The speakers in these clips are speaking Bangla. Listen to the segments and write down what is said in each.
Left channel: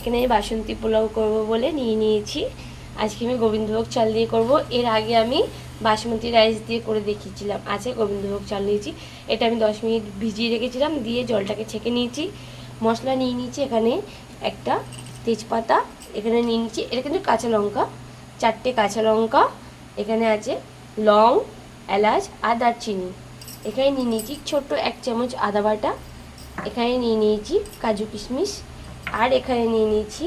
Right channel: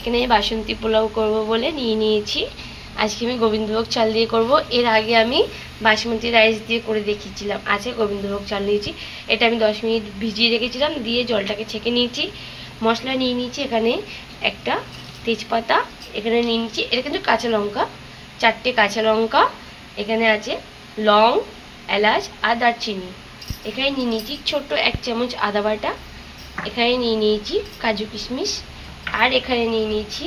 এখানে বাসন্তী পোলাও করব বলে নিয়ে নিয়েছি। আজকে আমি গোবিন্দভোগ চাল দিয়ে করব। এর আগে আমি বাসমতি রাইস দিয়ে করে দেখিয়েছিলাম। আজকে গোবিন্দভোগ চাল নিয়েছি। এটা আমি 10 মিনিট ভিজিয়ে রেখেছিলাম, দিয়ে জলটাকে ছেঁকে নিয়েছি। মশলা নিয়ে নিয়েছি এখানে একটা তেজপাতা, এখানে নিয়ে নিয়েছি, এটা কিন্তু কাঁচা লঙ্কা, 4টে কাঁচা লঙ্কা, এখানে আছে লং, এলাচ আর দারচিনি। এখানে নিয়ে নিয়েছি ছোট্ট 1 চামচ আদা বাটা, এখানে নিয়ে নিয়েছি কাজু কিশমিশ, আর এখানে নিয়ে নিয়েছি,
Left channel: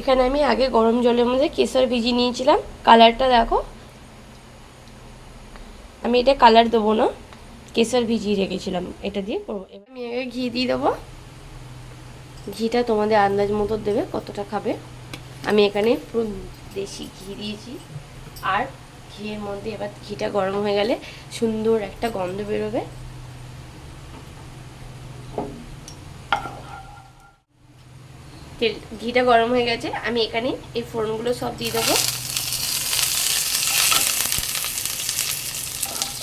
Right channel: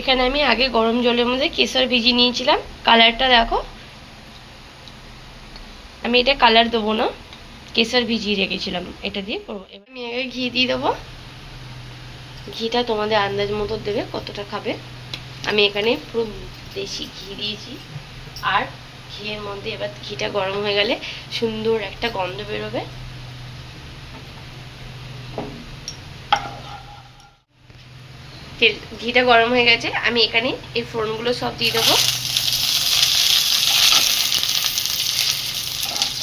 এখানে আমি আগে গরম জলের মধ্যে কেশর ভিজিয়ে নিয়েছিলাম। কালারটা দেখো, আমি এটা কালার দেবো না, কেশর ভিজিয়ে রেখেছিলাম, এটা দিয়ে করবো। এবার আমি আগে ঘি দিয়ে দেবো। ঘিটা তোমাদের আন্দাজ মতো দেবে কতটা খাবে। আমি এখানে পুরো দেশি ঘি দিয়েছি। আর ঘিয়ের মধ্যে এবার ঘিটা গরম হয়ে গেলে সুন্দর একটা গন্ধ বেরোবে। ঘিটা গরম হয়ে গেছে, আমি এখানে এই ফোড়নগুলো সব দিয়ে দেবো।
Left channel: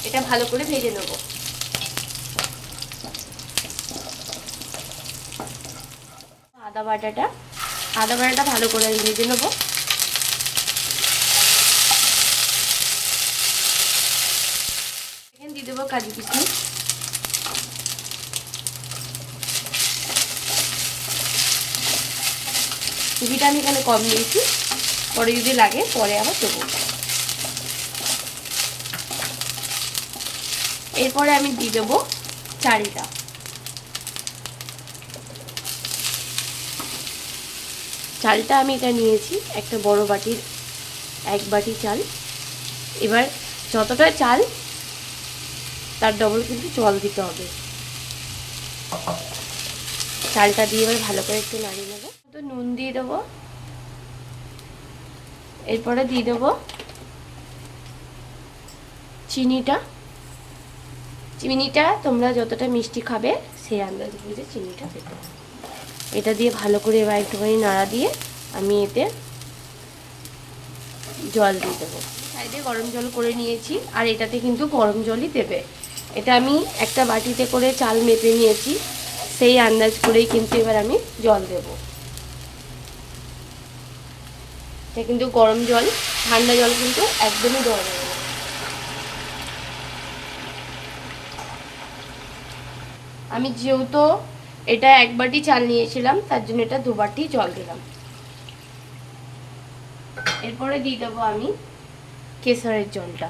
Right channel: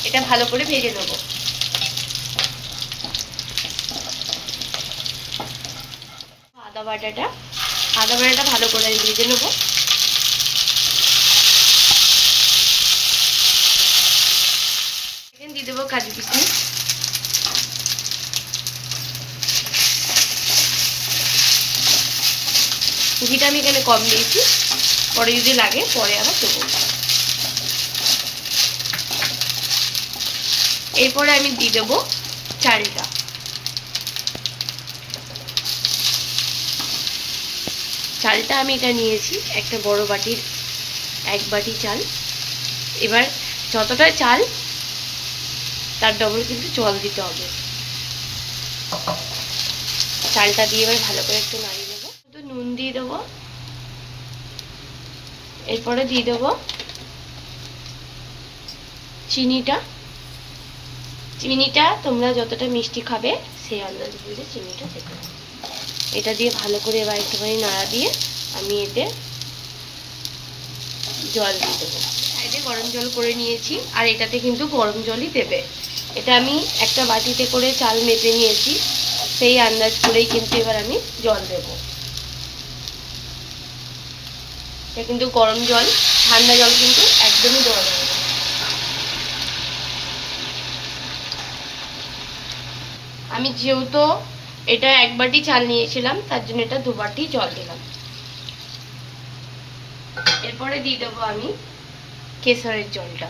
এটা ভালো করে ভেজে নেবো। আদা বাটাটা ভালো করে আমি ভেজে নেবো। এখানে দিয়ে দেবো কাজু কিশমিশ, ঘিটা আমি এখানে কম দিয়েছি, পরে যদি লাগে পরে আবার দেবো। এরপরে আমি দিয়ে দেবো চালটা। চালটা আমি এটা নিয়েছি একটা বড় বাটির 1 বাটি চাল। এবার যতটা চাল তার ডবল কিন্তু জল দিতে হবে। চালটা দিয়ে এবার ভালো করে একটু নাড়িয়ে নেবো। তো নুন দিয়ে দেবো, এরপরে দিয়ে দেবো চিনিটা তোমরা যতটা মিষ্টি খাবে সেই আন্দাজ বুঝে চিনিটা দেবে। এটা দিয়ে ভালো করে এবার একটুখানি নাড়া দিয়ে আমি এতে জল দিয়ে দেবো। সাইডে গরম জল করে নিয়েছি, আর এটাতে কিন্তু গরম জলই দেবে। এটা আমি একটা বাটিতে করে চাল মেপে নিয়েছি, সেই আন্দাজ করেই কিন্তু এবার আমি জল দেব। এটা কিন্তু গরম জল, ঠান্ডা জল কিন্তু একদমই দেওয়া যাবে না। আমি যেহেতু এটা 1 বাটি চাল নিয়েছিলাম, তার জন্য এটা 2 বাটি জল দিলাম। এরপরে দিয়ে দেবো আমি কেশরের জলটা।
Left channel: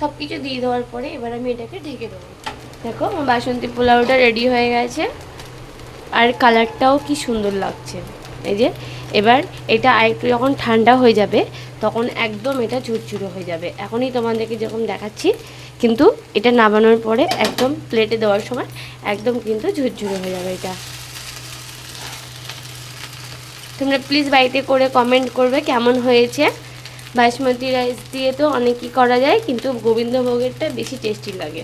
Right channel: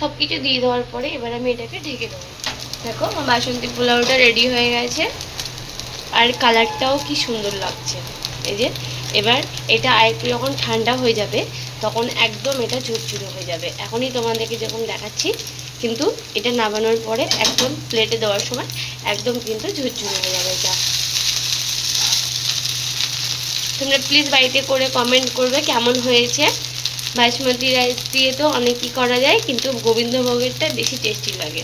সব কিছু দিয়ে দেওয়ার পরে এবার আমি এটাকে ঢেকে দেবো। দেখো আমার বাসন্তী পোলাওটা রেডি হয়ে গেছে, আর কালারটাও কি সুন্দর লাগছে। এই যে এবার এটা আরেকটু যখন ঠান্ডা হয়ে যাবে তখন একদম এটা ঝুরঝুরে হয়ে যাবে। এখনই তোমাদেরকে যখন দেখাচ্ছি, কিন্তু এটা নামানোর পরে একদম প্লেটে দেওয়ার সময় একদম কিন্তু ঝুরঝুরে হয়ে যাবে। এটা তোমরা প্লিজ বাড়িতে করে কমেন্ট করবে কেমন হয়েছে। বাসমতি রাইস দিয়ে তো অনেকই করা যায়, কিন্তু গোবিন্দভোগেরটা বেশি টেস্টি লাগে।